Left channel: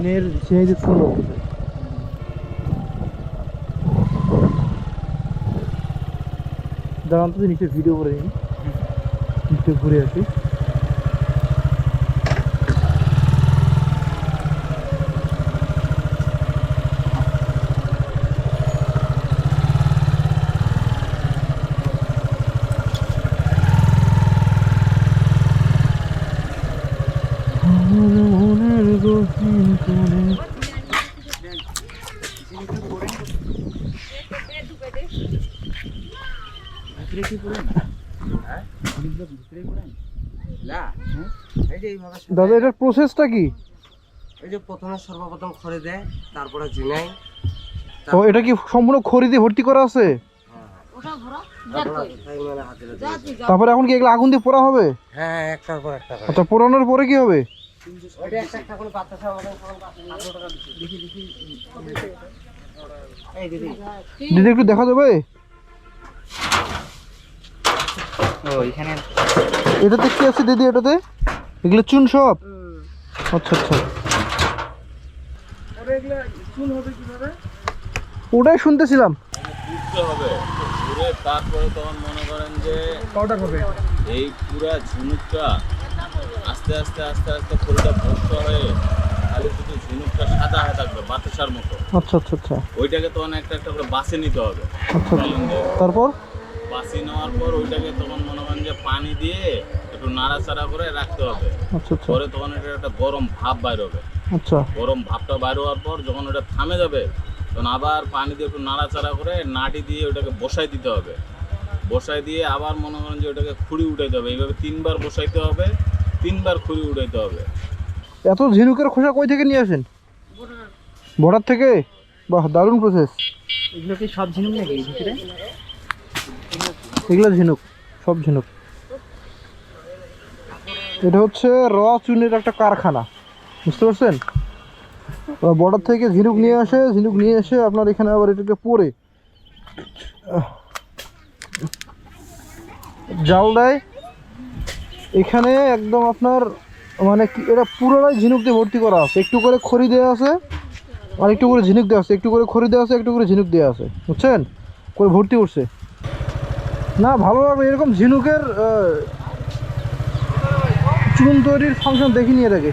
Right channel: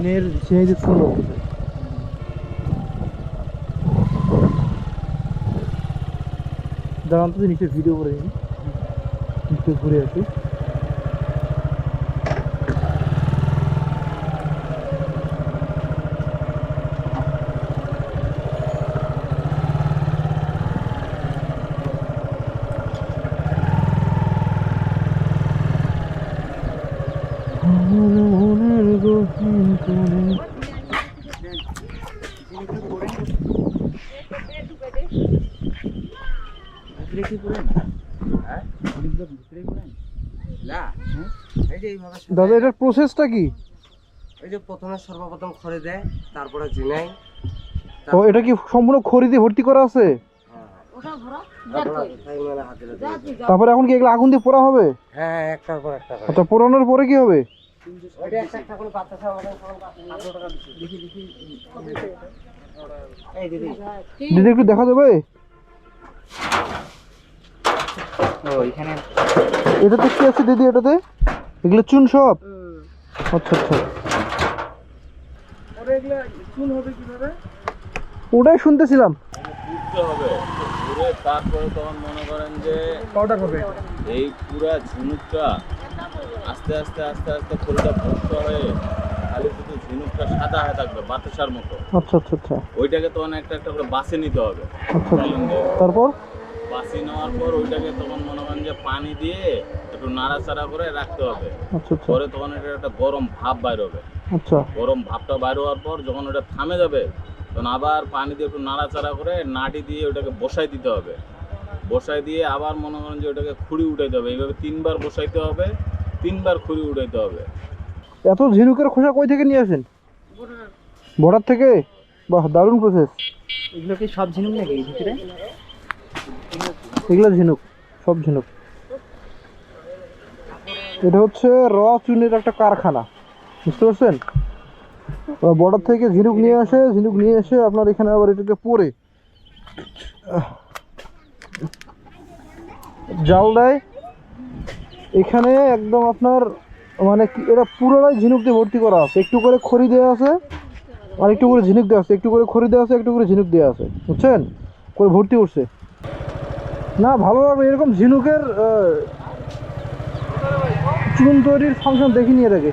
চীনের চিনি চুন বলতেছে। দাঁড়ান তো নিচে ভিডিও করে নিই, নিচে ঘুরে আসি। দাদা এটার প্রসেসটা কি? এই যে প্রথমে সর্বপ্রথম খড়ি দেয়, তারপরে ঝিনাই। তো এটা কি সম্পূর্ণ খড়ি দিয়ে ভর্তি করা আছে? তারপরে এখন কি এগুলো আগুন দিয়ে পোড়া হবে? হ্যাঁ, একটার পর একটা। আচ্ছা, পোড়ানোর পরে কি হবে? দিদি একটু দেখা যাবে? এটাতে কি আছে দিদি? এটাতে এগুলো চুন সব? আচ্ছা আচ্ছা, ওটাই শুনতেছিলাম। তারপরে তখন মনে করেন যে এই পুরা ঝিনুকটা আস্তে আস্তে আস্তে আস্তে ফুলটা ভস্ত হয়ে খালি শুধু ঝিনুকটা সাদা হয়ে থাকবে বাতাসার মতো। আচ্ছা আচ্ছা আচ্ছা, ওইটাকে তখন একটা একটা করে বাসে নিতে হবে। আচ্ছা, তারপর বাসি নেওয়ার পর ওইটাকে তখন মনে করেন যে পানি দিয়ে একটু নাড়াচাড়া করে রাখতে হবে। আচ্ছা আচ্ছা, পরে তখন এটা একটা গরম ভাপ বাইর হবে। আচ্ছা, গরম ভাপটা বাইর হওয়ার পর যখন ওটা থামে যাবে তখন আবার পানি দিয়ে একটু নাড়াচাড়া করে নাটি দিয়ে ওটাকে বসাই দিতে হবে। বসাই দিয়ে আবার মনে করেন যে ওটাকে খুঁড়ি উঠাইতে হবে। এইভাবে 3 বার বসাইতে হবে, 3 বার খুঁড়ি উঠাইতে হবে। এত ঝিনুকের খোসা কই থেকে নিয়ে আসেন? বর্ডার থেকে? বাহ, দারুণ প্রসেস। এগুলো কি সব ঝিনুক নাকি ভিতরে? এগুলো ঝিনুক, সব ঝিনুক। এটা হচ্ছে র চুনের একটা কারখানা, বুঝতে পারছেন? বর্ডার থেকে ঝিনুক নিয়ে আসে, ঝিনুক নিয়ে এসে আপনার এখানে আবার এটাকে পরে জাল দেয়। এখানে একদম আপনার মানে এটা পুরোটাই ঝিনুক দিয়ে ভর্তি করা আছে। একটু করে খড়ি দেওয়া আছে, আর একটু করে ঝিনুক দেওয়া আছে, একটু করে খড়ি দেওয়া আছে, একটু করে ঝিনুক দেওয়া আছে, বুঝছেন? করে ভর্তি করছে। না, ভালো লাগবে এরকম ঝিনুকের চুন তৈরির ফাংশন দেখিনি এর আগে।